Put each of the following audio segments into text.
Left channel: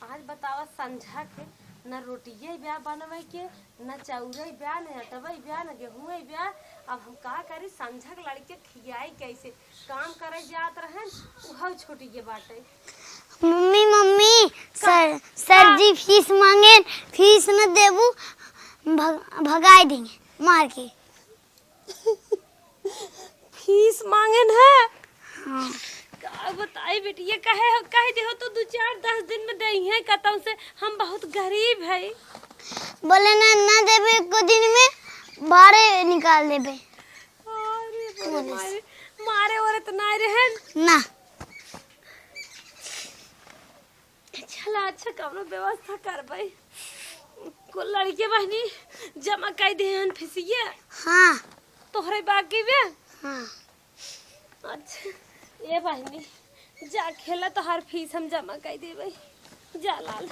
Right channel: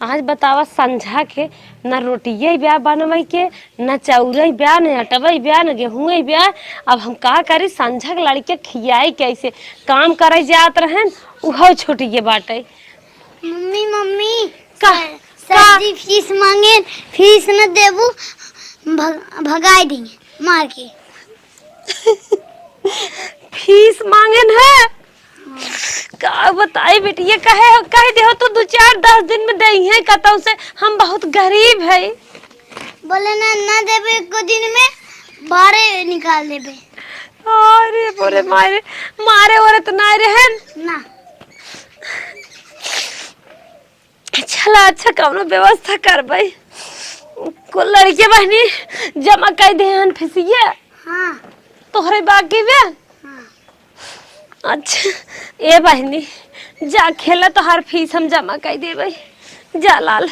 आज बतावा संझा के न रोटिये ब्याह बनवई के न चौरई ब्याह न अटवई ब्याह न गेहूं ब्याह। अब हम का करी संझा के लड़के खियाई कैसे काम करे जात रहन उहो छुटिए बाटे। मम्मी मम्मी का सर जी फीस मांगे, फीस न देबू भगाई देंगे मार के। फीस मांगन है का बताई बेटिया कहे दे हो तो 2-4-10 दिन में दई है कतौ से हम बहुत गरीब है। बोले ना देबे को दिन में बाहर निकाल देबे। अरे बोले मारे और तो ना रहन ना चला अच्छा कौनो व्यवस्था करबै को लड़के बहनी जमा कर दे हन फीसिए। हाँ तोहरे बाकी बे। हाँ अच्छा ए बहनी जा खेला तो हर फीस हम जमा कर देबै जा लाल।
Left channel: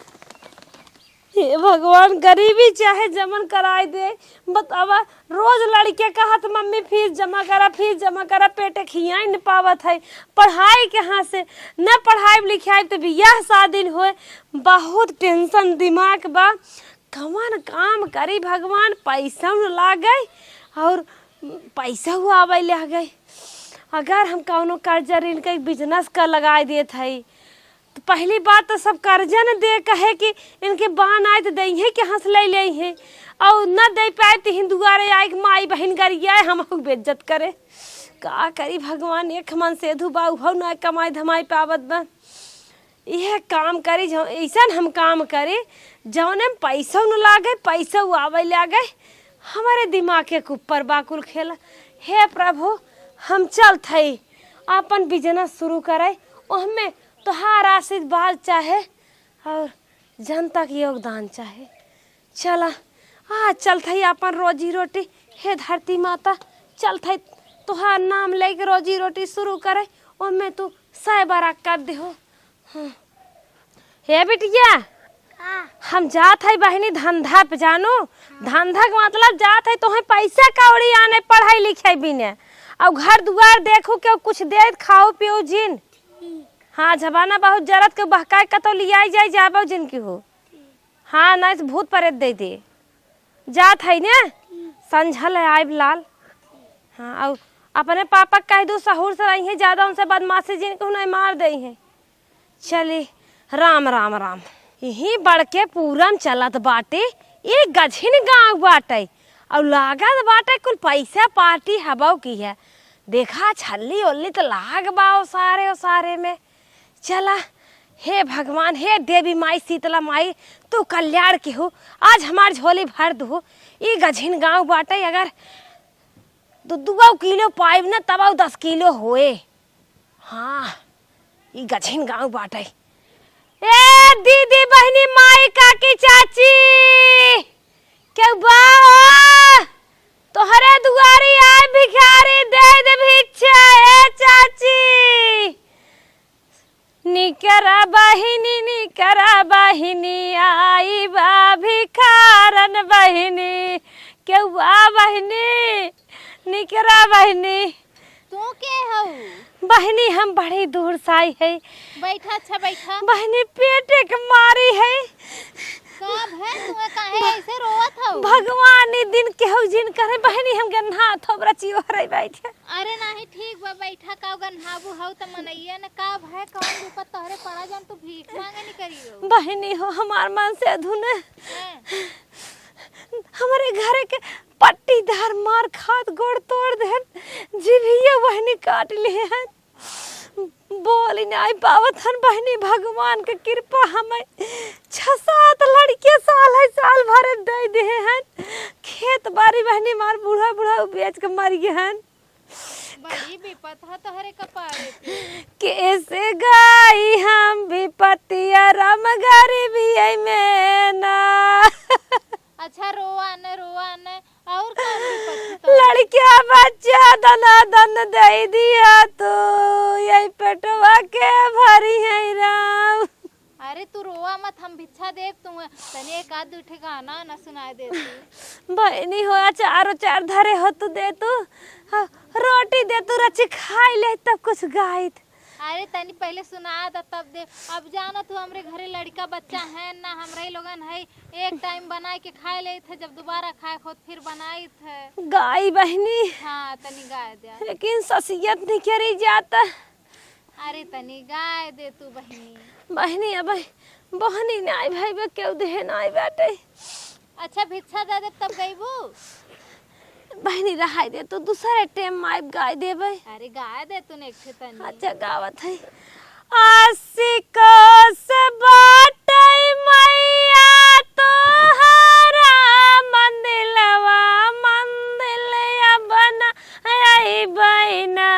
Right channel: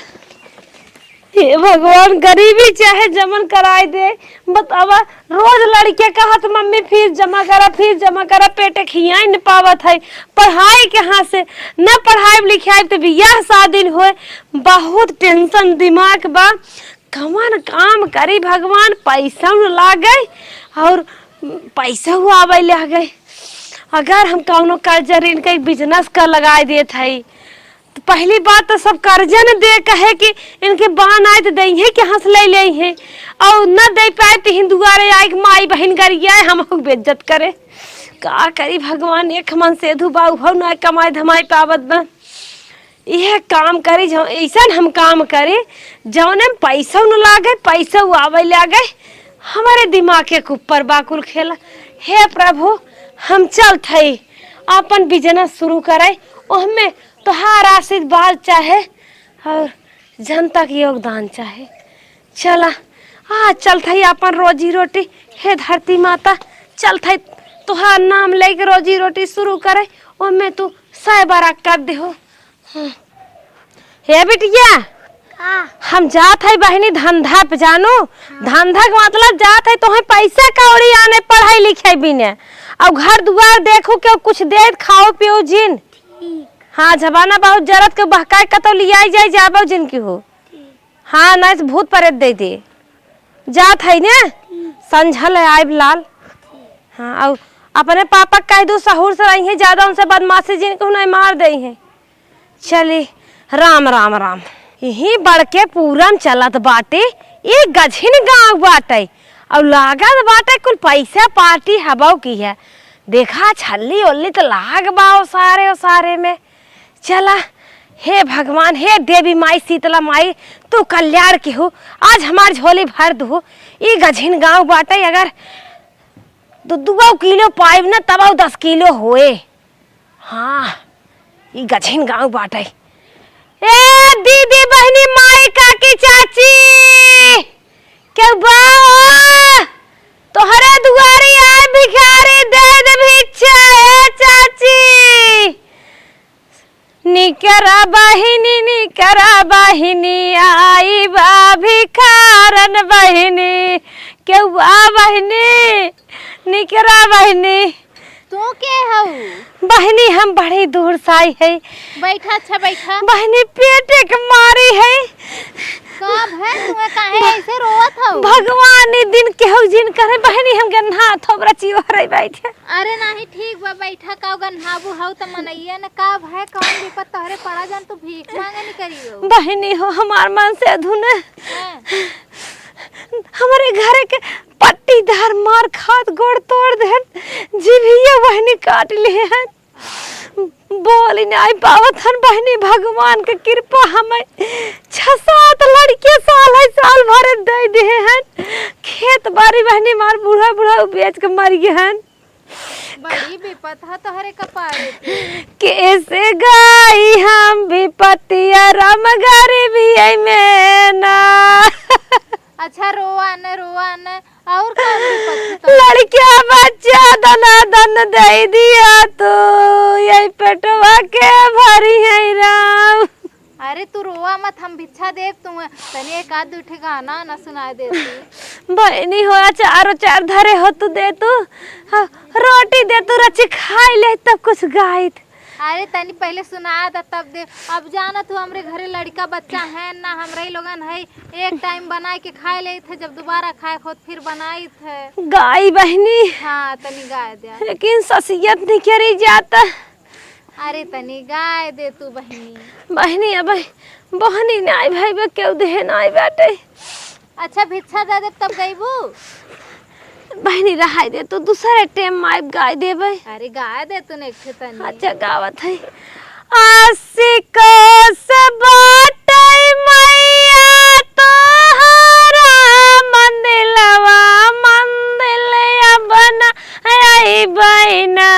हे भगवान गरीबी चाहे जमन कराई दे। बतावा रोज लड़के कहत मम्मी फीस जमा करा पेटे खियाई न पावत है। पढ़ाई के हाथ से न पढ़ाई लिखाई तो बियाह शादी होए बहुत टेंशन दिमाग बा। कौन काम करी भगवान पैसा न लागे और पैसा हुआ आवे लागे। अगर हम कौनो कर्जा ऋण का बिजनेस का लगाई देत है तो पहली बात तो सब कर्जा न दे कहे कि इनके बान आए तो दई है कि हंस ले है और न दे पाए तो हिंदुआरे आए माई बहन गरिया हम बेइज्जत करे। का करी भगवान एक मन से धुबा हो न कमाई धमाई पावत बा। यह काम करी जो ऐसा हम काम करे जौने पैसा न लागे पैसा आवे लागे हमारे दिमाग के ऊपर बाकुल खेला। हे प्रभु हम चलत है अपन बिजनेस शुरू करे उसमें तोहार आशीर्वाद चाहे और जनता के योगदान चाहे। चला चलत है अपन रोजी रोटी। हे धरती माता चलत है तोहार नाम लेके रोजी रोटी शुरू करे उसमें तू 100 बार कर दे हो। हे बिटिया हम जात है बहनी धंधा पे जानू। धंधा के मतलब जात है तो पैसा कौड़ी आने पढ़ाई लिखाई बिने और घर दुआर देखो के कुछ दे खाओ पियो जिन। हाँ जबाना बहुत जरूरत के बहकाए कतो लियाई जाए जाबो जिन की हो। हाँ ना भूत प्रेत दे दे जात है ने संझल है आइब लाल। हाँ और अपने पापा कह दो सहूर से रही है ज्यादा उनसे बदमाशी जिन को नहीं मार दे है। चली राम राम राम। यही बढ़ के पूरन चलत बाटे एक गझिन गाँव बाटे और लागत बाटे कुल पैसा पार्टी हबाव की है। देखा छल्ली ओल्ली तो लाग बाओ सारे में। चला हे भगवान हे देवी माई शीतला माई तू कल्याण की हो आज हमार झोली भर दो। ये गझिन गाँव बाटे अगर 2 किलो पाइब न तब 10 किलो होए। हाँ ये गझिन गाँव बाटे। ए दीदी बहनी माई काकी चाची क्यों बा तोहरे दुआरी आए भिखारी दे भिक्षा। ए चाची निकरा बहिनी आई बा भिखारन बहिनी क्यों बा बहिनी निकरा बहिनी। तू के हो बहनी हम बड़ी दूर से आई है। बैठा अच्छा बैठा। बहनी पेटे के मारी है। कब है तुम्हें काहे ऐसे रोवत हो? भगवान ने दिन के हो जिन करे बहनी हम गन्हा थोबरा चिवरे बैठे। अरे नहीं ठीक बा बैठा का गन्हाबू हो त मनैया न का है कौन विपत तोहरे पड़ा जान तू भीख मांगे न करियो। बहनी हो हमार मन से अधूने हमारे घर के पट्टीदार मार खाद गोड़ तोड़ दे जीभिया बहनी काट लिए हैं। बोली नहीं पावत हन बहनी भगवान के कृपा हमें 6-7 लड़के साल भर दे हैं। खेत बाड़ी बहनी मार बूढ़ा बेच के मर गए हैं। बड़ी विपत है तोहरे कपारे कैसे गाई हम विपतिया राम गरीबी में ना। अच्छा रोआ न और कौन विपत? लड़किया बच्चा दन दे दिया तो यही पेटवा के भरी है राम। अरे तू रोआ मत हम भिक्षा देव तू तनी एक आध उठे गाना न सुना देती। बहनी हो चार धरे हो तू दे तू रोटी दे तू रची खाई ले तब कुछ गाइत। अरे तनी पहले सुनाया था तब दे। अब जाना तू हमरे घरे लड़का बच्चा है ना, हमरे लोगन है एक टाइम बनाए के खाए ले थे, जब दोबारा खाए खुद फिर बनाई थे। गाय बहनी हाँ तनी गाय दे, लेकिन ससियत नहीं करी जाता। अरे तनी गाय दे तू बहनी। बहनी अब बहनी नहीं भाई बे क्यों दे नहीं बाटे। अच्छा भिक्षा दे दे तब गईबू। बहनी रहाई दे तू दूसरे टाइम माइब गाय देबे। अरे गाय दे तूने एक तनी। अच्छा गावत है आशिको से बाटै मैया तोहरा मंदिलवा मंदिलिया बना आई बहना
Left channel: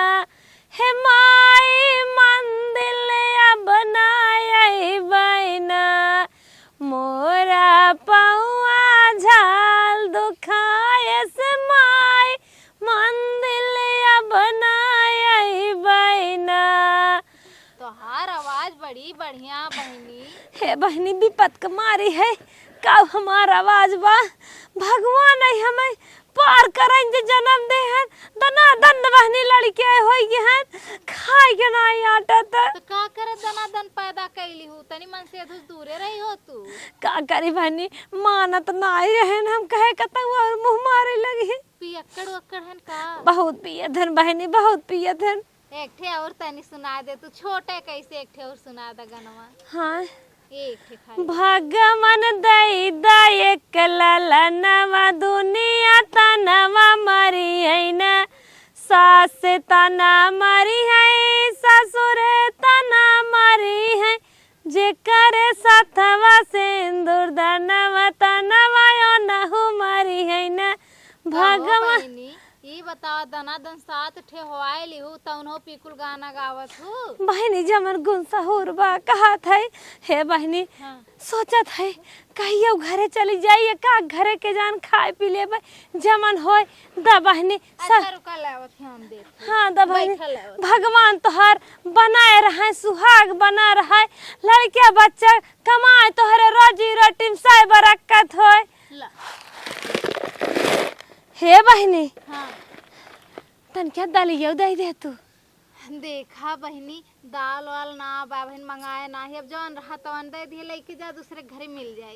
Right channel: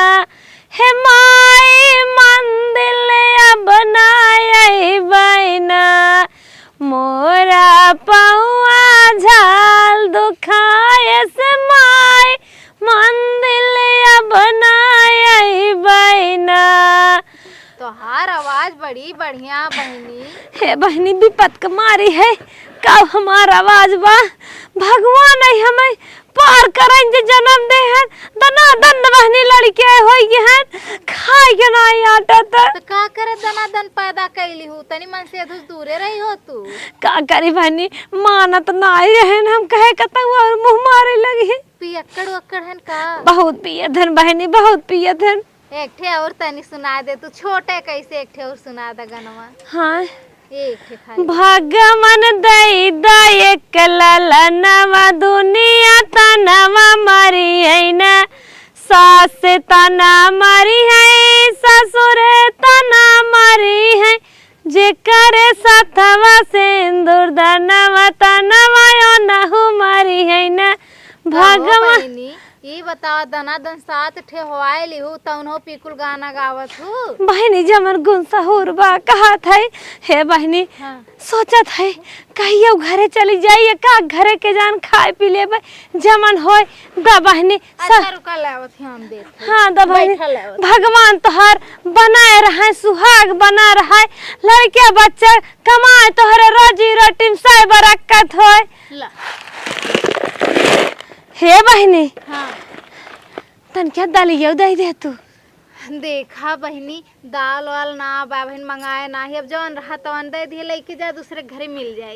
हे माई मंदिलिया बनाई बहना मोरा पौआ झाल दुखाए से माई मंदिलिया बनाई बहना। तोहार आवाज बड़ी बढ़िया बहनी। हे बहनी विपत के मारी है कब हमारा आवाज बा भगवान है हमें पार करें जे जन्म दे हैं दना दन बहनी लड़के होई हैं खाए के नहीं आटा तो का करे दना दन पैदा कैली हूँ, तनी मन से दूरे रही हो तू। का करी बहनी मानत नहीं रहे हम कहे कतऊ और मुंह मारे लगी। पियक्कड़ वक्कड़ हन का बहुत पिए धन बहनी बहुत पिए धन। एक ठे और तनी सुना दे तू, छोटे कैसे एक ठे और सुना दे गनवा। हाँ एक ठे खाली भगवान दई दई एक ललनवा दुनिया तनवा मरी है न सास तना मरी है ससुर तना मरी है जेकर सथवा सिंदूर दनवा तनवा नहु मरी है न भगवान। ये बतावा दना दन सात ठे होआए लिहू तउनो पिकुल गाना गावत हूँ। बहनी जमन गुण सहूर बा कहा था हे बहनी हाँ। सोचत है कहियो घरे चली जाइए का घरे के जान खाए पी ले जमन होय द बहनी। अच्छा रुका लावत हम देख। हाँ द बहनी भगवान तोहर बनाए रहे सुहाग बना रहा लड़के बच्चे कमाए तोहरे रोजी रोटी में सही बरकत होय। हे बहनी हाँ। तन क्या दलियो दे दे तू। देखा बहनी दाल वाल ना बहन मंगाए ना ही, अब जौन रहा तो दे दिए लेके जा दूसरे घरे मिल जाए।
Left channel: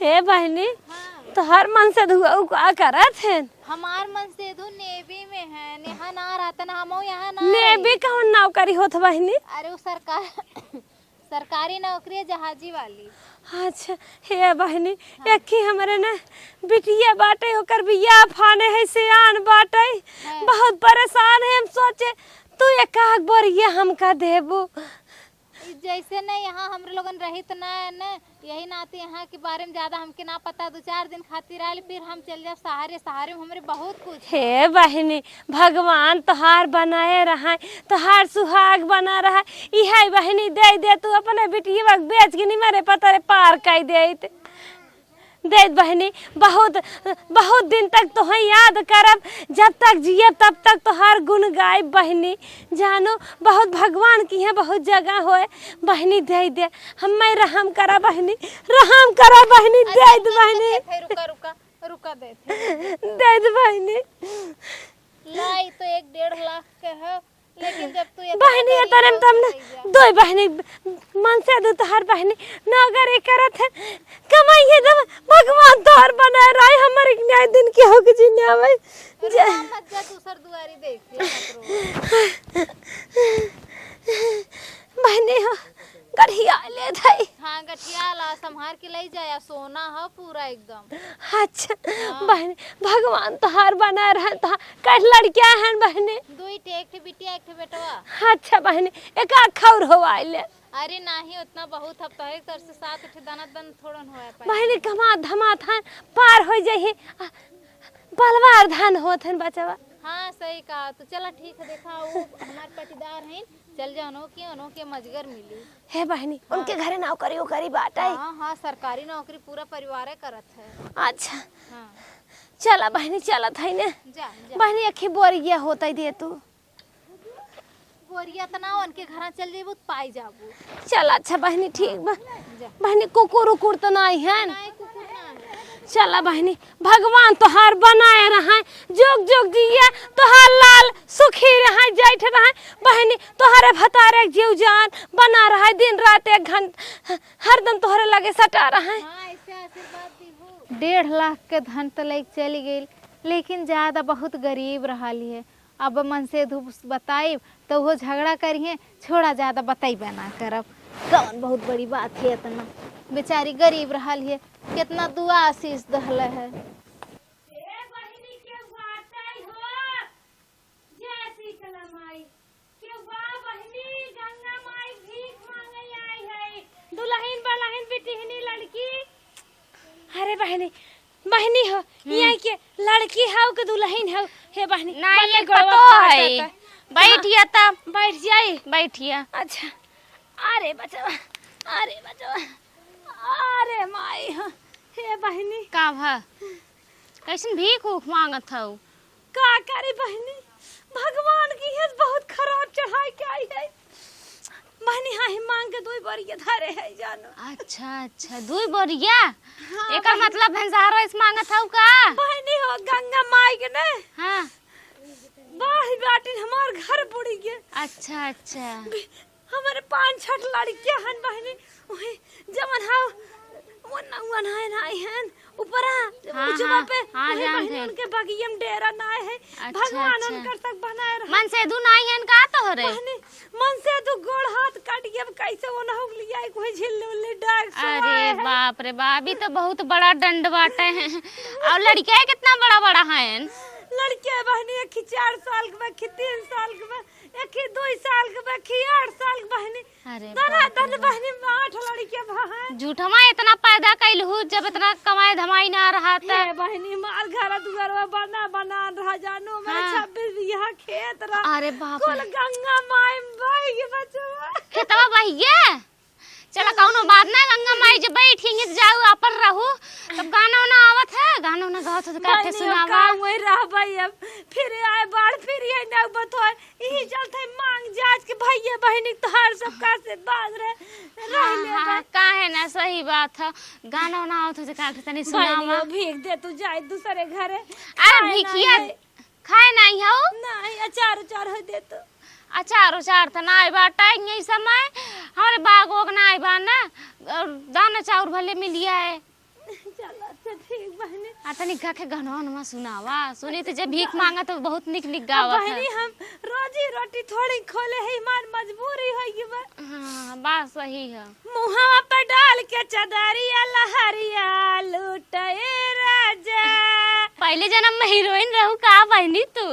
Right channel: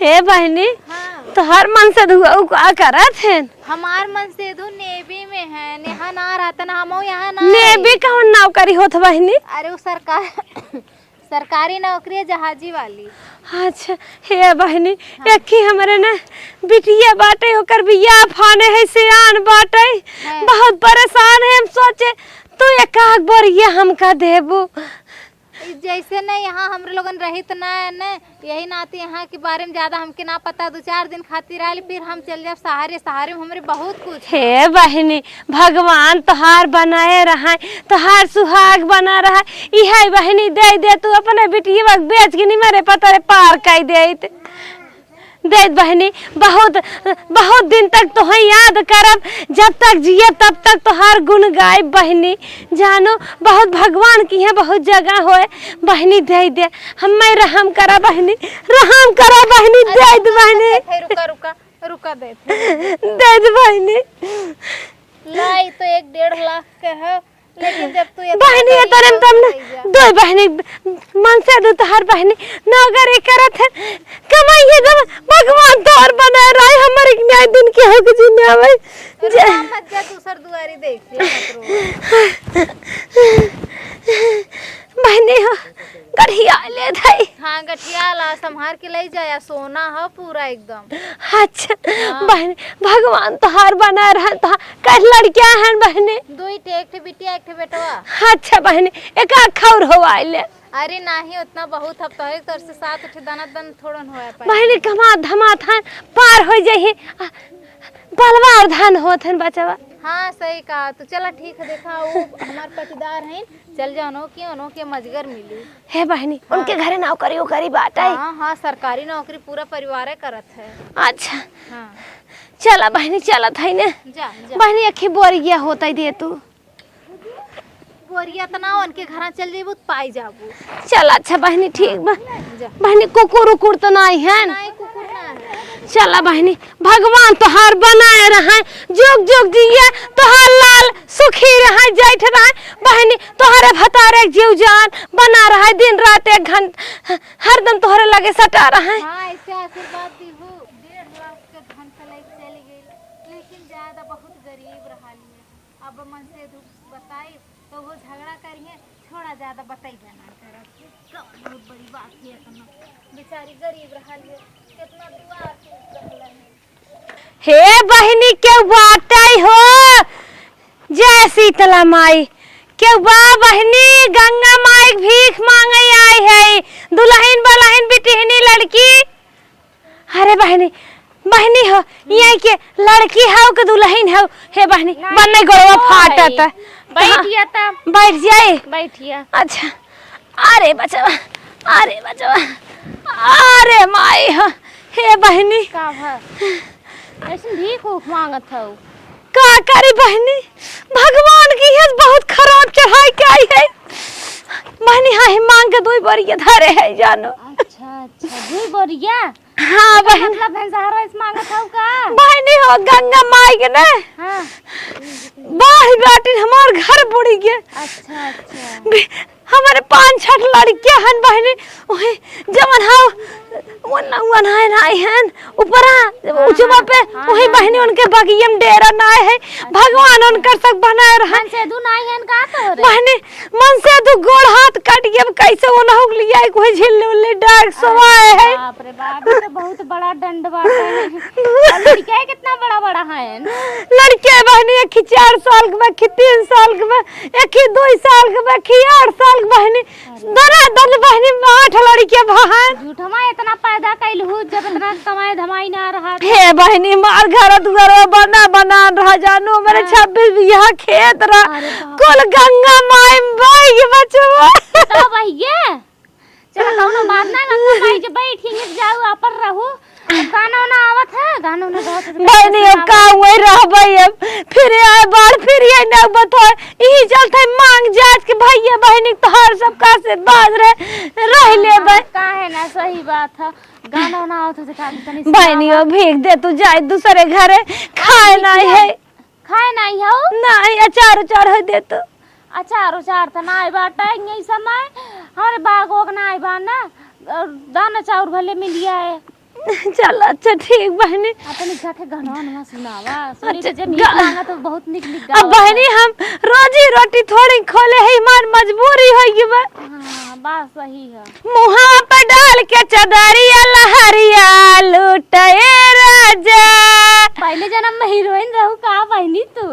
हे बहनी हाँ। तो हर मन से दुआ करत है। हमार मन से दू नेवी में है, नेहा ना रहता ना हम यहाँ ना। नेवी कौन नौकरी होत बहनी। अरे वो सरकारी नौकरी है जहाजी वाली। अच्छा हे बहनी हाँ। एक ही हमारे ना बिटिया बाटे ओकर बियाह फाने है सियान बाटे हाँ। बहुत परेशान है हम सोचे तू एक आग बोरिया हमका देबू। जैसे नहीं यहाँ हमरे लोगन रही तो ना यही नाते यहाँ के बारे में ज्यादा हमके ना पता, 2-4 दिन खातिर आए फिर हम चल जाए सहारे सहारे में हमरे बहुत कुछ। हे बहनी भगवान तोहार बनाए रहा तोहार सुहाग बना रहा इहे बहनी दे दे तू अपने बिटिया बेच के नहीं मेरे पता पार कर दे बहनी। बहुत बहुत दिन तक तो याद करब जब तक जिए तब तक तोहार गुण गाय बहनी जानो बहुत भगवान की है बहुत जगह होए बहनी दे दे हमें रहम करा बहनी रहम करा बहनी दे दे बहनी। रुका रुका रुका दे बहनी लाई तो 1-1.5 लाख के है, लेकिन जब तू बहनी ये तरम तम दो बहनी मन से दो तोहार बहनी नौकरी करत है कमाइए जब भगवान तोहर बना रहा है हमारे न्याय दिन के हो के जीने आवे मत जा दूसर दुआरी देखिए बहनी हो गठिया ले धाई। हाँ गठिया ला संभार के ले जाया सोना है पूरा एकदम। अच्छा बहनी भगवान तोहार बना रहा तो कल लड़कियां हैं बहनी 2 एक बिटिया एक बेटवा। अच्छा बहनी एक खौर हो आइले। अरे नहीं उतना बहुत अब तो तोर से 7 दाना दन थोड़न होया पाए बहनी कमा धमा थान पार हो जाही बलवार धान होत हन बचवा। हाँ सही कहा तो चला ठीक है देखा वो हमार पटीदार हैं चल जानो के मजगर मिली। हे बहनी हाँ। उनके घरे नौकरी उकरी बाटा है। हाँ हाँ सरकारी नौकरी पूरा परिवार करत है। अच्छा हाँ चला बहनी चलत है ने जा बहनी अखी बोरिया होता दे तू बोरिया तना उनके घर चल जेबू पाई जाबू। चल अच्छा बहनी ठीक बा बहनी कुकुर उकुर तो नहीं है। नहीं कुकुर ना है। चला बहनी भगवान तोहार बनाए रहे जुग जुग जिया तोहार लाल सुखी रहे जैठ रहे बहनी तोहरे भतारे जीव जान बना रहा दिन रात 1 घंटा हरदम तोहरे लगे सटा रहे। हाँ ऐसे आशीर्वाद दीहू 1.5 लाख के धन तो लेके चली गई लेकिन ज्यादा बहुत गरीब रहा है। अब मन से धूप बताई तो वो झगड़ा करिए छोड़ा ज्यादा बताई बना करब कौन बहुत बड़ी बात है इतना बेचारी गरीब रहा है कितना दुआ आशीष दहले है। हे बहनी के बाटई हो जय शीतला माई के बा बहनी गंगा माई भीख मांगे आई है दुल्हन बलहन बिटिहनी लड़की। अरे बहनी बहनी हो ये के लड़की हो के दुल्हन हो हे बहनी बनने गोड़वा फाटत बैठिए तब बैठ जाए बैठिए। अच्छा अरे बचवा अरे माई हो हे बहनी का है ऐसे भीख उख मांगत हो का करी बहनी भगवान की है बहुत खराब चढ़ाई के आई है बहनी हाँ मांग के 2 बार धरे है जानो। अच्छा 2 बोरिया हाँ बहनी मतलब भैंसारा इस मांगत हो का बहनी हो गंगा माई के ना हाँ बाही बाटी हमार घर बुड़ी गए। अच्छा हमारे 5-6 लड़कियां हन बहनी ओहे जमन हाउ वन है हन ऊपर ऊंचवा पे ओही बहनी उनके बगियम डेरा नाय है भगवान उनकर सब बनाए रहन मन से दू नाई हन का तो रे बहनी मन से दू गोड़ हाथ कट गए कैसे वो नहुक लिया कोई झिल्ली उल्ली डाक सवाए है। बाप रे बाप ये तो बहुत बड़ा दंड बाटे है और लड़के कितना बड़ा है लड़के बहनी एक 4 साल के में 3 साल के में एक 2 साल के में 8 साल के बहनी दल बहनी 8 लड़के बहन झूठमा इतना पैदा कैलहु जब इतना कमाई धमाई ना रहा हे बहनी मार घर दुआर बना रहा जानो मेरे 26 बीघा खेत रहा अरे बाप कुल गंगा माई बाई के बचवा तो भैया चलो कौनो बात ना गंगा माई जे बैठेंगे जाओ अपन रहू गाना ना आवत है गाना ना गावत है बहनी अब का वही रहबै अब फिर आए बार फिर ये ना बतोय यही चलते मांग जात के भैया बहनी तोहर सब का से बाज रह लेबै काहे ना सही बात है गाना ना आवत है का तनी बहनी अब भीख दे तू जाए दूसरे घरे खाए नहीं है खाए नहीं हो नहीं अचार है दे तो अचार तो ना आई बाटा यही समय हमारे बाग ओग ना आई बाना दाना चाउर भले मिलिया है चल अच्छा ठीक बहनी अपनी का के गाना सुनावा सोनी से जब गीत मांगा तो बहुत निक गावा अब बहनी हम रोजी रोटी थोड़ी खोले है हमार मजबूरी होगी बा हां बात सही है मुहा पे डाल के चदरिया लहरिया लूटे राजा पहले जन्म में हीरोइन रहू का बहनी तू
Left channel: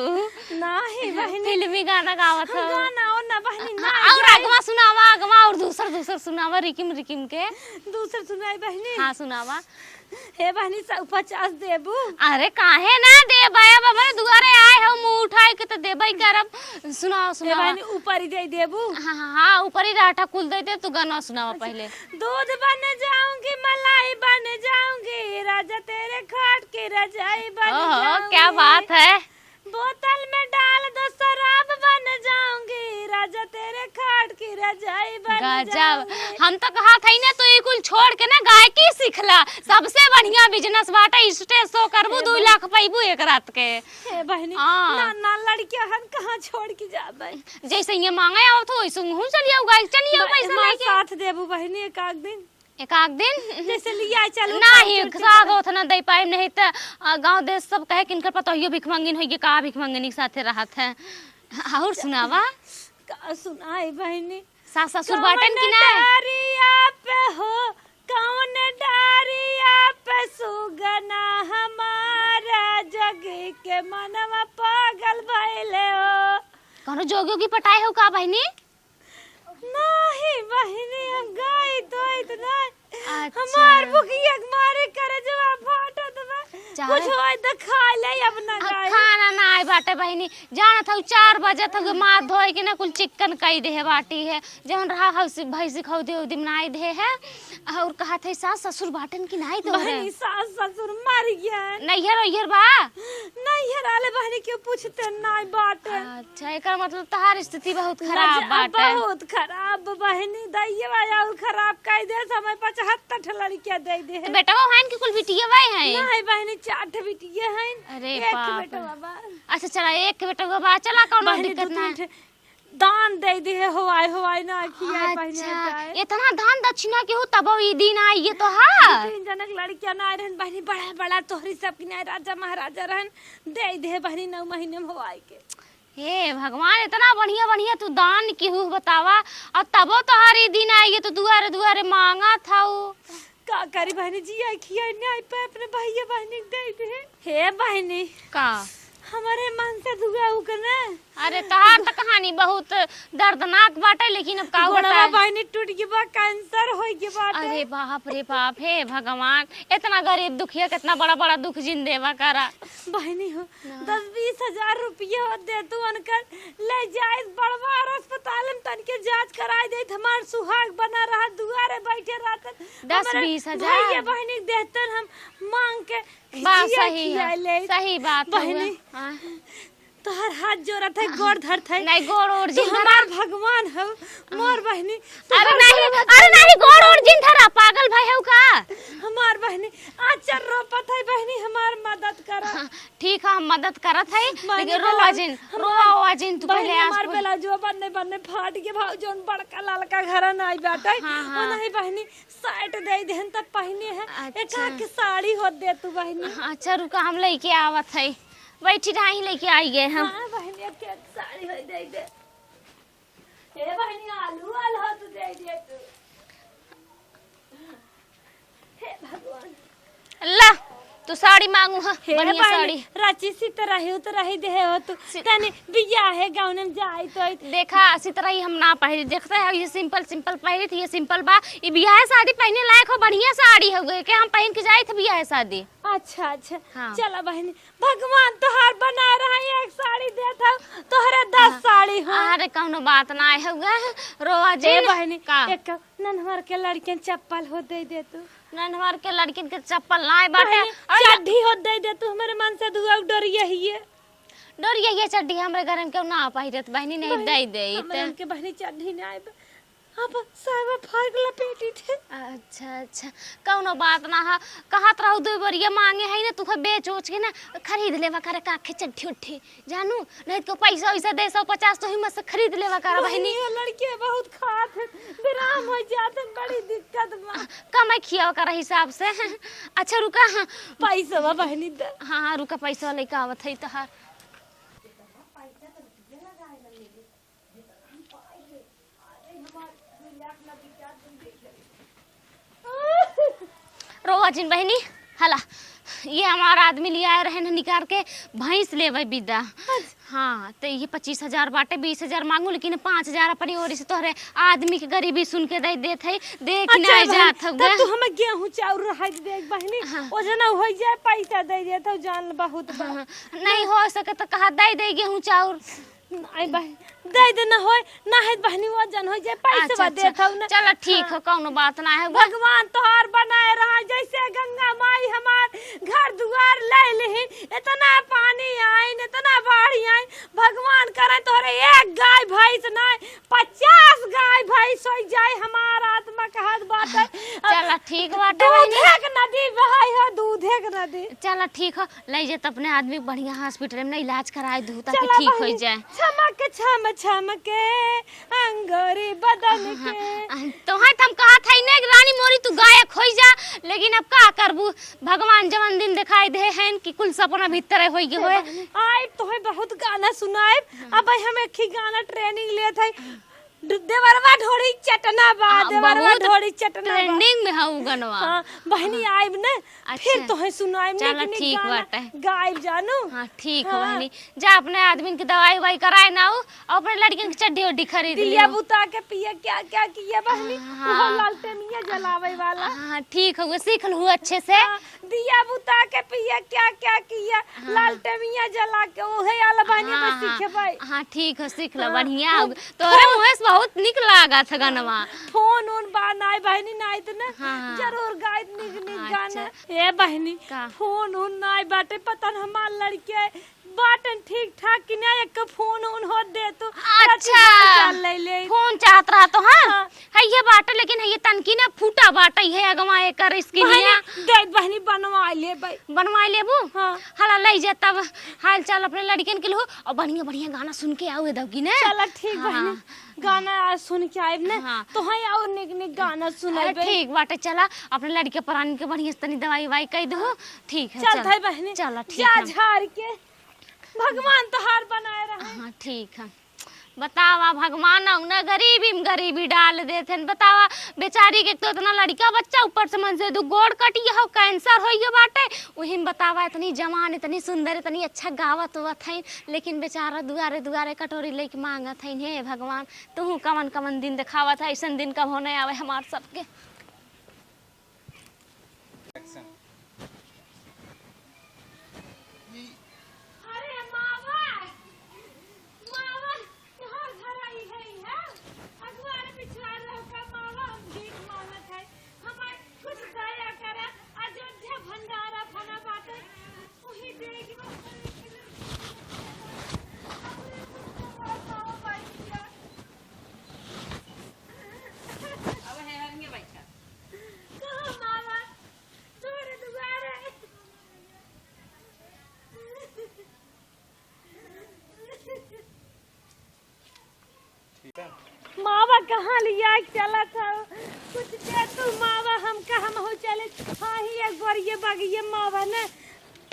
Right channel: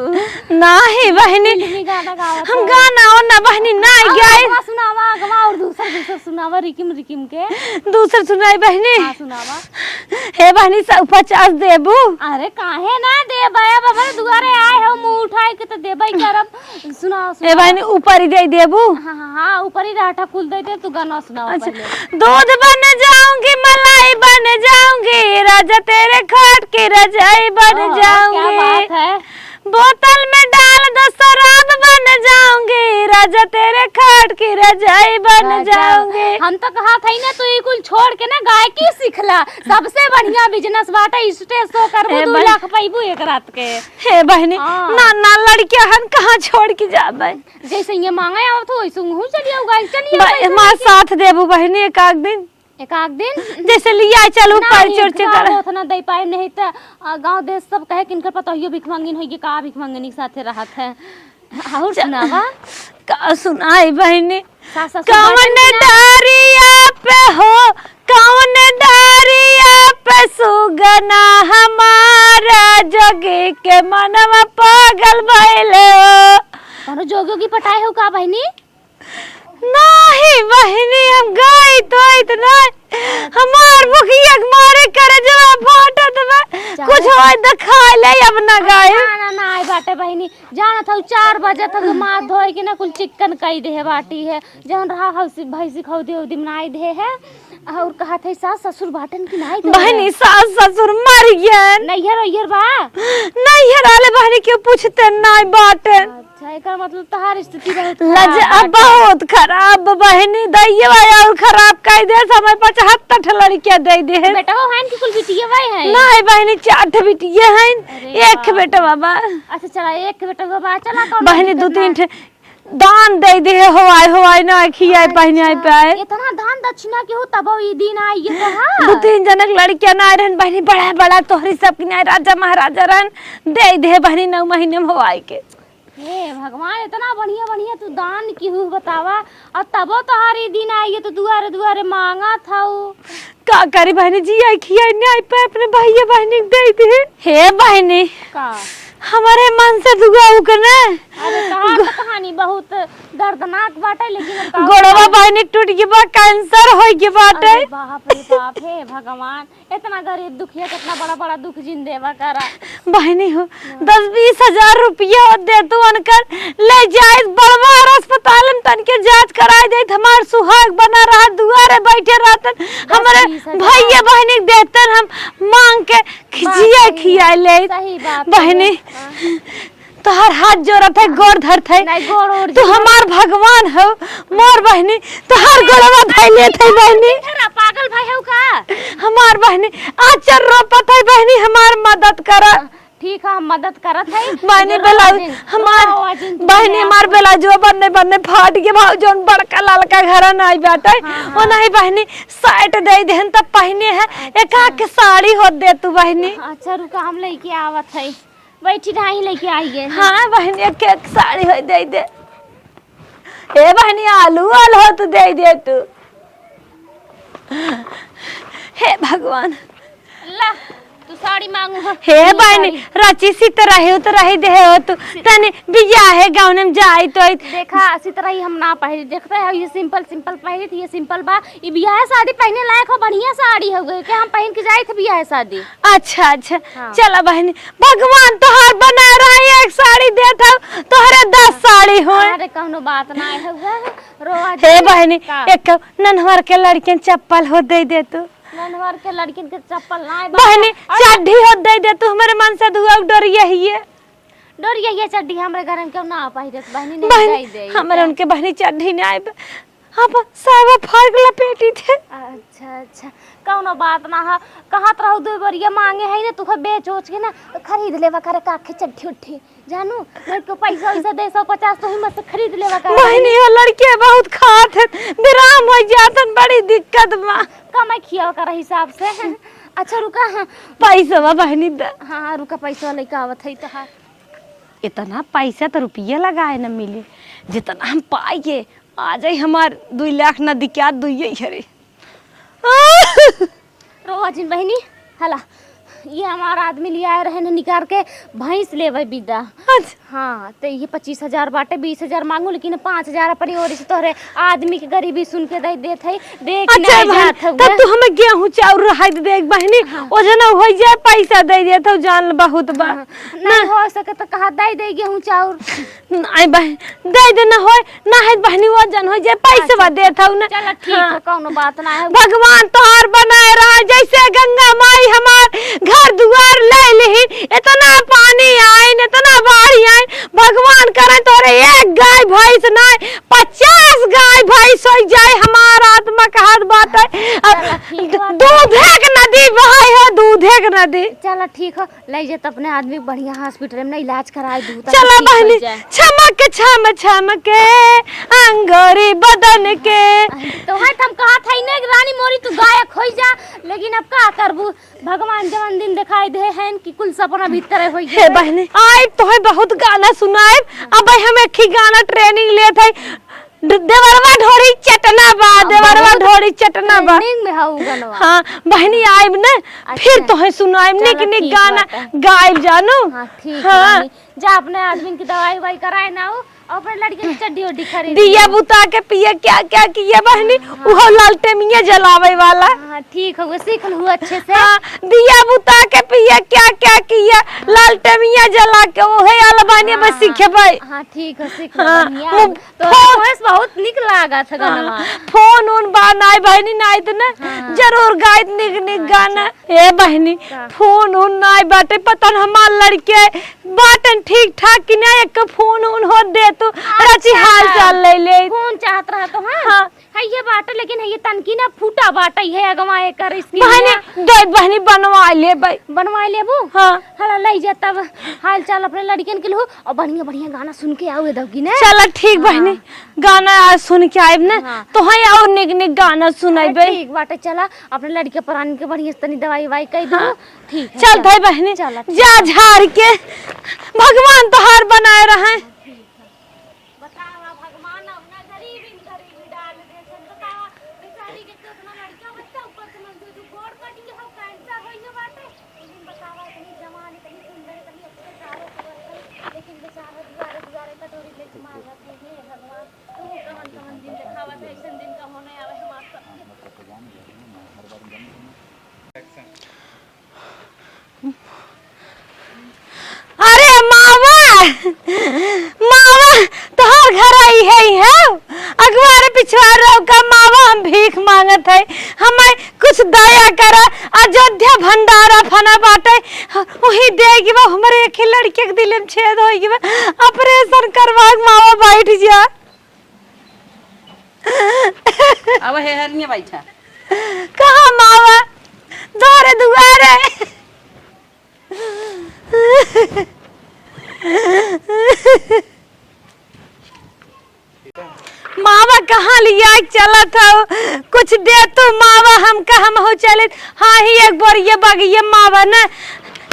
नहीं बहनी फिल्मी गाना गावा हम गाना और ना बहनी ना गाए सुनावा गवा और दूसर सुनावा रिकिम के दूसर सुनाई बहनी हां सुनावा हे बहनी 50 देबू अरे काहे ना दे बाया बाबा दुआरे आए हो मुंह उठाए के तो देबई करब सुनाओ हे बहनी ऊपर ही दे देबू हां ऊपर ही राठा कुल दे दे तू गाना सुनाओ पहले दूध बन जाऊंगी मलाई बन जाऊंगी राजा तेरे खाट की रजाई बन जाऊंगी क्या बात है बोतल में डाल दो शराब बन जाऊंगी राजा तेरे खाट की रजाई बन जाऊंगी। हम तो कहा था ना तू ये कुल छोड़ के ना गायकी सीखला सबसे बढ़िया बिजनेस बाटा स्टेज शो करबो 2 लाख पाइबो एक रात के। हे बहनी ना लड़कियां हम कहां छोड़ के जाबे जैसे ये मांगे आओ तो वैसे हूं चलिए गाय चलिए मां साथ देबू बहनी एक दिन जैसे लिया चलो पाई चोर चल होत ना दे पाए नहीं त गांव देश सब कहे कि इनकर पता होइए भिख मांगिन होइए का भिख मांगिन के साथे रहत है और सुनावा का सुनाई बहनी सासा कौन डारिया पे हो कौन डारिया पे सुगना हमारा जोगी के मनवा पागल भइले हो कौन जोगियों की पटाई हो का बहनी नहीं बहनी हम गई तो इतना हमार मुखिया मारे करे जब फाटत में कुछ होय तो खा ले अब ना गए ना आई बाटे बहनी जाना था 4 बजे तक माथ धोई के ना कुल चिकन कई दे बाटी है जवन रहा हौसी भैंसी खौ दे दिन नाई दे है और कहा कहत है सास ससुर बाटन की नहीं तो बहनी सास ससुर मर गए। नैहर बा नैहर वाले बहनी क्यों पूछते नहीं बाटे। अच्छा एकर मतलब तहार स्थिति बहुत लज बहुत खराब बहनी दैये और खराब कह दे समय 75 लड़कियां दे दे है। बेटा बहन की कुल बिटिया भाई है नहीं बहनी 4 बिटिया हैं एक बेटा बाबा। अच्छा चला एक बेटा बाबा चला कौन बहनी 2-3 दान दे दे हवाई ना खियाए पहनाए पाए। इतना दान दक्षिणा के हो तब ई दिन आई ये तो हां 2-3 जनक लड़कियां ना रहन बहनी बड़ा बड़ा तोहरी सब की ना राजा महाराजा रहन दे दे बहनी 9 महीने में हवाई के। हे भगवान इतना बढ़िया बढ़िया तू दान की हूँ बतावा और तबो तोहारी दिन आई है तो दुआरे दुआरे मांगा था का करी बहनी जी आई खियाए नहीं पाए अपने भैया बहनी दे दे। हे बहनी का हमारे मन से दुआ उकने। अरे कहा तो कहानी बहुत दर्दनाक बाटे लेकिन अब का गोड़वा बहनी टूट के बा कैंसर होई के बाटे। अरे बाप रे बाप हे भगवान इतना गरीब दुखिया कितना बड़ा बड़ा दुख जिन देवा करा। बहनी हो 10-20 हजार रुपया दे तू अनकर ले जाए बड़वार अस्पताल में तन के जांच कराए दे हमार सुहाग बना रहा दुआरे बैठे रहतन हमारे भैया बहनी देतन हम मांग के खिजिया खिया ले। सही बात बहनी तोहर हाथ जोड़त है गोड़ धरत है नहीं गोड़ ओड़ तू हमार भगवान हो मोर बहनी तोहर गोड़वा धइले थे बहनी धरा पागल भाई हो का हमार बहनी आचर रोपत है बहनी हमार मदद करा। ठीक है हम मदद करत है बहनी बेला हमार बहनी हमार बेला जो बन्ने फाट के भाव जोन बड़का ललका घर नहीं बैठे वो नहीं बहनी साइट दे देन तब पहने है एक के साड़ी हो दे तू बहनी। अच्छा रुका हम लेके आवत है बैठी ढाई लेके आइए। हाँ बहनी एक साड़ी हो दे दे। ए बहनी आलू हो तो दे तू। हे भगवान ला तू साड़ी मांगू हा हे बहनी रांची सी तो रही दे हो तू तने बिया है गांव में जाई तो देखा इसी तरह ही हम ना पहले देखते हैं ये सिंपल पहनी थी ये सिंपल बा ये बियाह शादी पहने लायक हो बढ़िया साड़ी हो गई कि हम पहन के जाई थे बियाह शादी। अच्छा चला बहनी भगवान तोहार बना रहा है एक साड़ी देता तोहरे 10 साड़ी हो। अरे कोनो बात ना है रोआ हे बहनी एक ननहर के लड़के चप्पल हो दे तू ननवर के लड़किन के चप्पल ना बहनी चड्ढी हो दे तू हमारे मन से दुआ डरिया ही है डोरिया ये चड्ढी हमरे घर में क्यों ना पहिरे बहनी नहीं दे हमारे उनके बहनी चड्ढी नहीं आए अब सावा फाड़ लपेटी थे। अच्छा कौनो बात ना है कहत रहू दो बरिया मांगे है ना तुखे बेच ओच के ना खरीद लेवा करे काखे चड्ढी उठी जानू नहीं तो पैसा वैसा दे 150 तो हिम्मत से खरीद लेवा करे। बहनी वो लड़के बहुत खात है विराम हो जातन बड़ी दिक्कत बा कमाई खियाव कर हिसाब से। अच्छा रुका पैसा बहनी दे। हाँ रुका पैसा लेके आवत है तो इतना पैसा तो रुपया लगाए न मिले जितना हम पाएंगे आ जाए हमार 2 लाख न दिक्कत दुइये हरे। रोआ जिन बहनी हला ये हमारा आदमी लिया रहे ने निकाल के भैंस लेवे विदा। हाँ तो ये 25,000 बाटे 20,000 मांगू लेकिन 5,000 अपनी ओर से तोहरे आदमी के गरीबी सुन के दे देत है देख अच्छा नहीं जात हो तब तू हमें गेहूं चाउर रहा दे एक बहनी ओ जना हो जाए पैसा दे देत हो जान बहुत बा नहीं हो सके तो कहा दे गेहूं चाउर आई बहन दे दे न होय ना है बहनी वो जन हो जाए पैसा बा देत हो ना। चल ठीक है कोनो बात ना है भगवान तोहार बनाए रहा जैसे गंगा माई हमार घर दुआर ले ली इतना पानी आए इतना बाढ़ आए भगवान करे तोरे एक गाय भैंस नहीं 50 गाय भैंस हो जाए हमारा आत्मा का हाथ बात है दूध एक नदी बहाई हो दूध एक नदी। चल ठीक है ले जे अपने आदमी बढ़िया हॉस्पिटल में इलाज कराए दूध चला बहनी छमक के अंगोरी बदन के तो है हम कहा था ने रानी मोरी तू गायक हो जा लेकिन अब का करबू भगवान जवन दिन दिखाई दे हैं कि कुल सपना भीतर होई हे बहनी आए तो है बहुत गाना सुनाए अब हम एक ही गाना ट्रेनिंग ले थे देवरवा ढोरी चटना बा देवरवा ढोरी चटना बा ट्रेनिंग में हाउ गनवा। हां बहनी आइब न फिर तो है सुनाइब निक गाना गाइब जानू। हां ठीक है जा अपने आदमी की दवाई वाई कराए ना हो अपने लड़के की चड्डी उड्डी खरीद दिया बुता के पिए क्या किया बहनी वो लालटेमिया जलावे वाला। हां ठीक है सीख लू अच्छे से। दिया बुता के पिए क्या किया लालटेमिया जला के वो है अलबानिया में सीखे भाई। हां ठीक है सीख लो बढ़िया तो बहुत निक लागा था गाना। फोन उन बनाए बहनी नाई तो ना जरूर गाइत निक निक गाना। ए बहनी फोन उन नाई बाटे पता न हमार लड़के बाटन ठीक ठाक कि ना एक फोन उन हो दे तू रची हाल चाल ले ले फोन चाहत रहा तो है ये बाटे, लेकिन ये तनकी ना फूटा बाटे है अगवा कर इसकी बहनी दे बहनी बनवा ले भाई बनवा लेबो। हां हला ले जा तब हाल चाल अपने लड़कियन के लिए और बढ़िया बढ़िया गाना सुन के आओ दगी ने। चल ठीक बहनी गाना आज सुन के आइब ना तो है और निक निक गाना सुनाइबे। ठीक बाटे चला अपने लड़के पुरानी के बढ़िया तनी दवाई वाई कह दो। ठीक है चल भाई बहनी चला जा झाड़ के भगवान तोहार बनाए रहे। ठीक है बतावा भगवान ना गरीबी में गरीबी डाल देते। बतावा बेचारी के तो इतना लड़का बच्चा ऊपर से मन से दो गोड़ कटी हो कैंसर हो गयो बाटे वही में बतावा इतनी जवान इतनी सुंदर इतनी अच्छा गावत हुआ थे, लेकिन बेचारा दुआरे दुआरे कटोरी लेके मांगत है। हे भगवान तू कमन कमन दिन दिखावा था, ऐसा दिन कब होने आवे हमार सबके। अरे मावा मावा तोहर घर आई है अगवार पिछवार का मावा हम भीख मांगत है हमें कुछ दया करा। अयोध्या भंडारा फना बाटे वही देगी वो हमारे एक लड़के के दिल में छेद होगी ऑपरेशन करवा मावा बैठ जा। अब है हरनिया बैठा कहाँ मावा दोरे दुआरे मावा कहाँ लिया चला था कुछ दे तो मावा हम कहाँ हो चले। हाँ ही एक बार ये बगिए मावा ना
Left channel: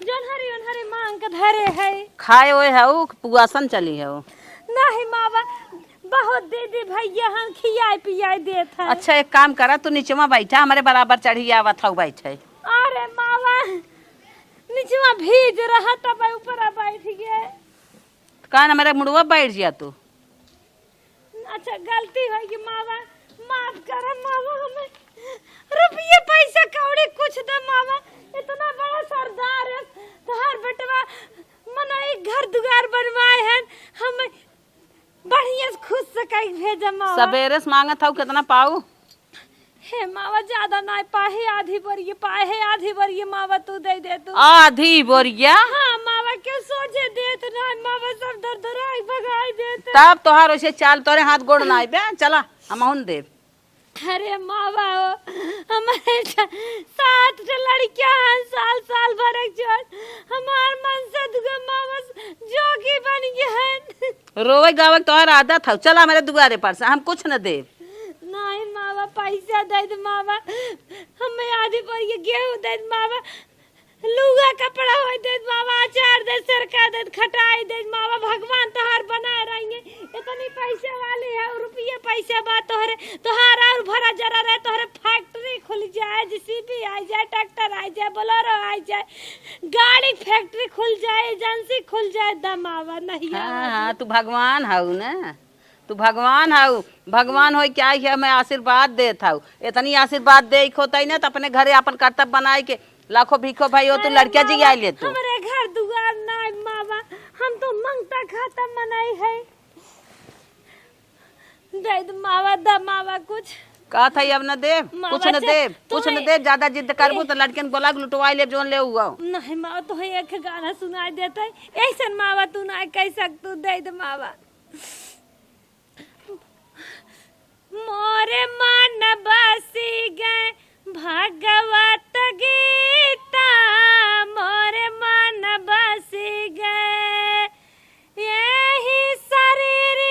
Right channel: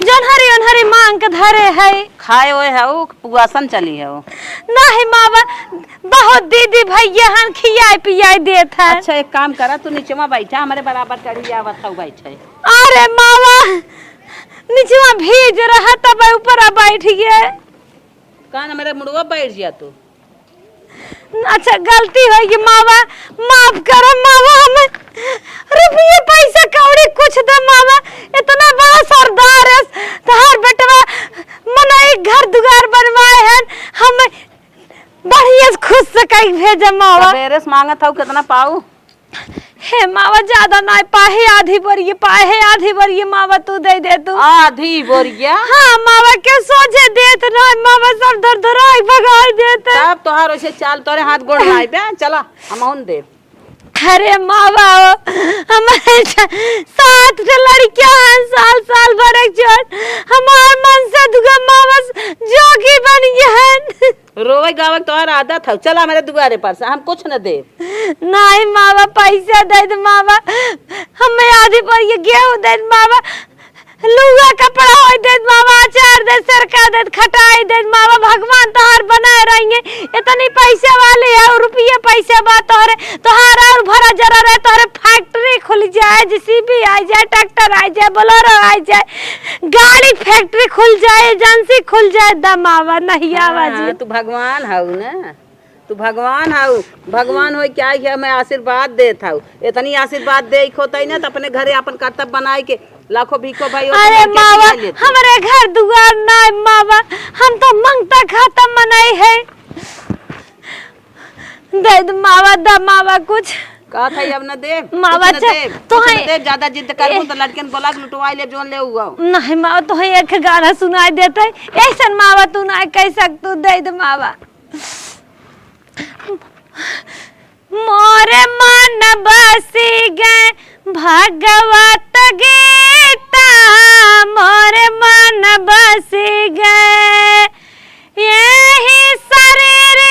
जोनहरी ओनहरी मांग के धरे है खाए हुए है वो पुआसन चली है वो नहीं मावा बहुत दीदी भैया हम खियाई पियाई देत है। अच्छा एक काम करा तू नीचे में बैठा हमारे बराबर चढ़ी आवत था बैठा। अरे मावा नीचे में भीज रहा तब ऊपर बैठ गया कान मेरे मुड़वा बैठ जा तू। अच्छा गलती होगी मावा माफ करो मावा हमें रुपये पैसे कौड़ी कुछ दे मावा इतना बड़ा सरदार है तहार बेटवा मना एक घर दुआर बनवाए हैं हमें बढ़िया खुश से कहीं भेजे मावा। मेरे से मांगा था कितना पाऊ हे मावा ज्यादा ना पाहे आधी बोरिए पाहे आधी बोरिए मावा तू दे दे तू आधी बोरिया। हाँ मावा के सोचे देत ना मावा सब दर दराई भगाई देते तब तोहार वैसे चाल तोरे हाथ गोड़ नाई बे चला हम हुन दे। अरे मावा हमारे 7 लड़कियां हैं साल साल भर जोड़ हमार मन से दुगा मावा जोगी बन गए हैं। रोवे गावे तोहार आदत है चला मेरे दुआरे पर से हम कुछ न दे। नहीं मावा पैसा दे दे मावा हमें आधी पर ये गेहूं दे मावा लुगा कपड़ा हो दे मावा अचार दे सरका दे खटाई दे मावा भगवान तोहार बनाए रहेंगे इतनी पैसे वाले है और रुपये पैसे बा तोहरे तोहार और भरा जरा रहे तोहरे फैक्ट्री खुल जाए जेसीबी आ जाए ट्रैक्टर आ जाए बोलेरो आ जाए गाड़ी फैक्ट्री खुल जाए एजेंसी खुल जाए दमावा नहीं आवाज। तू भगवान हऊ ना तू भगवान हऊ भगवान हो क्या है मैं आशीर्वाद देत हऊ इतनी आशीर्वाद दे खोतई ना तो अपने घरे अपन कर्तव्य बनाए के लाखों भीखो भाई अरे मावा हमारे घर दुआर ना मावा हम तो मंगता खाता मनाई है दे दे मावा द मावा कुछ का था अब न दे मावा तो है ज्यादा जिद करू तो लड़कन बोला लुटवाई ले जोन ले उगा नहीं मावा तो है एक गाना सुनाई देते ऐसन मावा तू ना कह सकतू दे दे मावा। मोरे मन बसी गए भगवत गीता मोरे मन बसी गए यही शरीर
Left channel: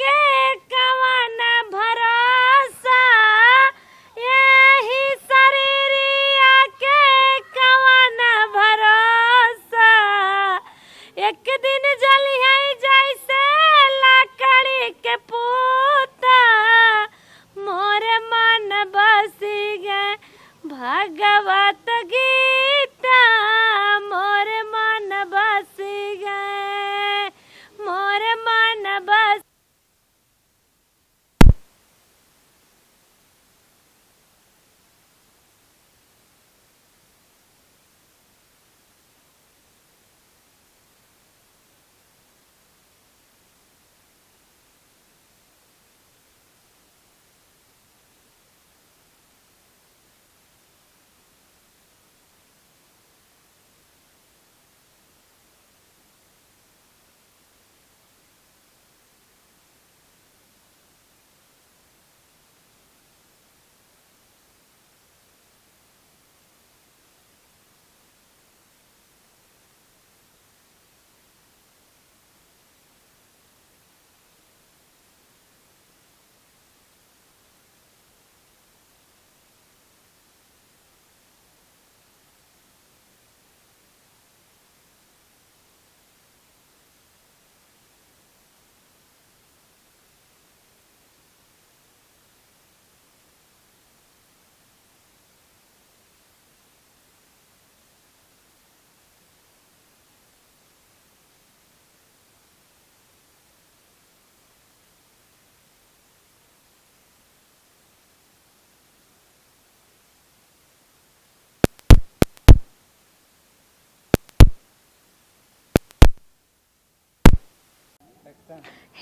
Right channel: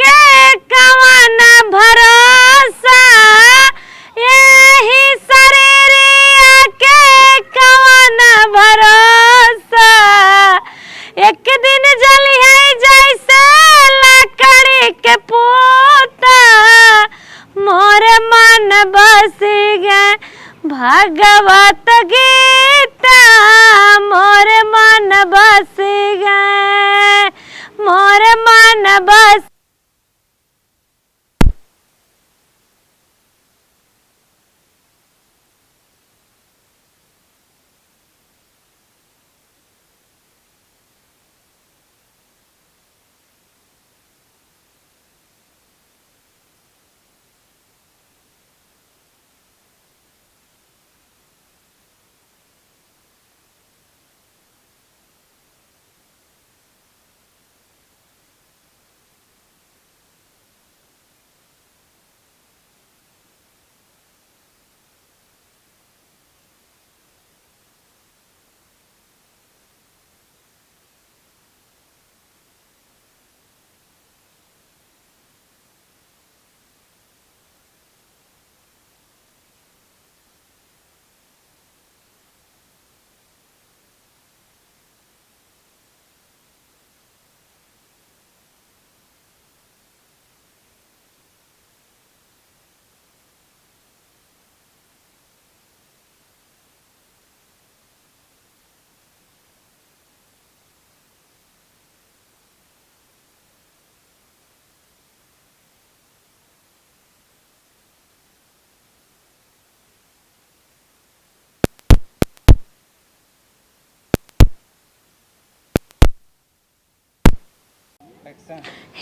के कवन भरोसा यही शरीर के कवन भरोसा एक दिन जली है जैसे लकड़ी के पोता मोरे मन बस गए भगवत गीता मोरे मन बस गए मोरे मन बस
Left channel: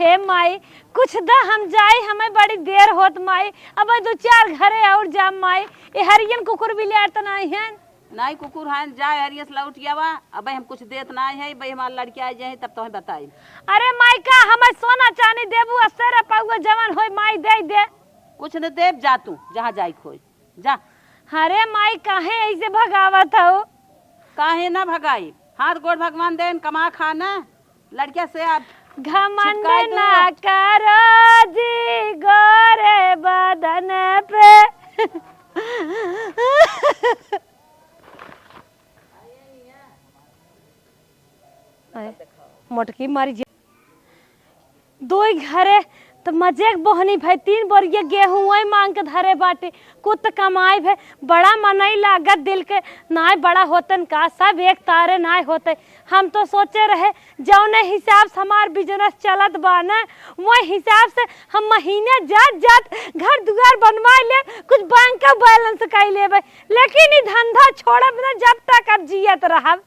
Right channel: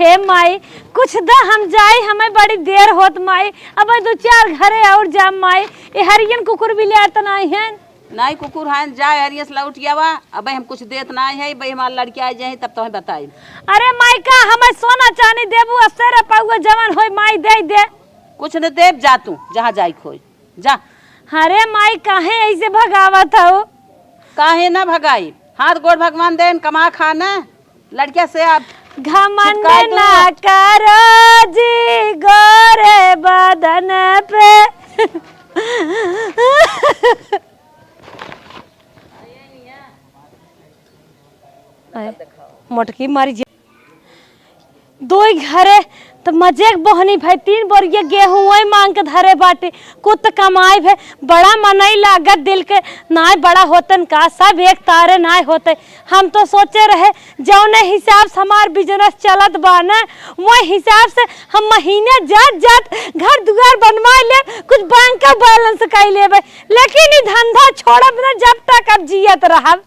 हे माई कुछ दा हम जाए, हमें बड़ी देर होत माई। अब 2-4 घरे और जा माई। ये हरियन कुकुर भी ले तो नहीं है। नहीं कुकुर है जाए हरियस लौट गया। अब हम कुछ देत नहीं है भाई, हमारे लड़की आ जाए तब तो बताई। अरे माई का हमें सोना चांदी देबू, असर पाऊगा जवन होई माई दे दे। कुछ न देव, जा तू जहाँ जाई खोई जा। अरे माई काहे ऐसे भगावत हो? काहे ना भगाई, हाथ गोड़ भगवान देन कमा खाना। लड़किया से आप घमंड ना करो जी गोरे बदन पे। मोटकी मारी जे 2 घरे तो मजे बहनी भाई। 3 बोरिया गेहूं वही मांग के धरे बाटे। कुछ कमाई भाई, बड़ा मनई लागत दिल के नाय बड़ा होतन का, सब एक तारे नाय होते। हम तो सोचे रहे जौने हिसाब से हमार बिजनेस चलत बा ना, वही हिसाब से हम महीने जात जात घर दुआर बनवा ले, कुछ बैंक का बैलेंस कर लेबे। लेकिन ई धंधा छोड़ब ना जब तक अब जियत रहब।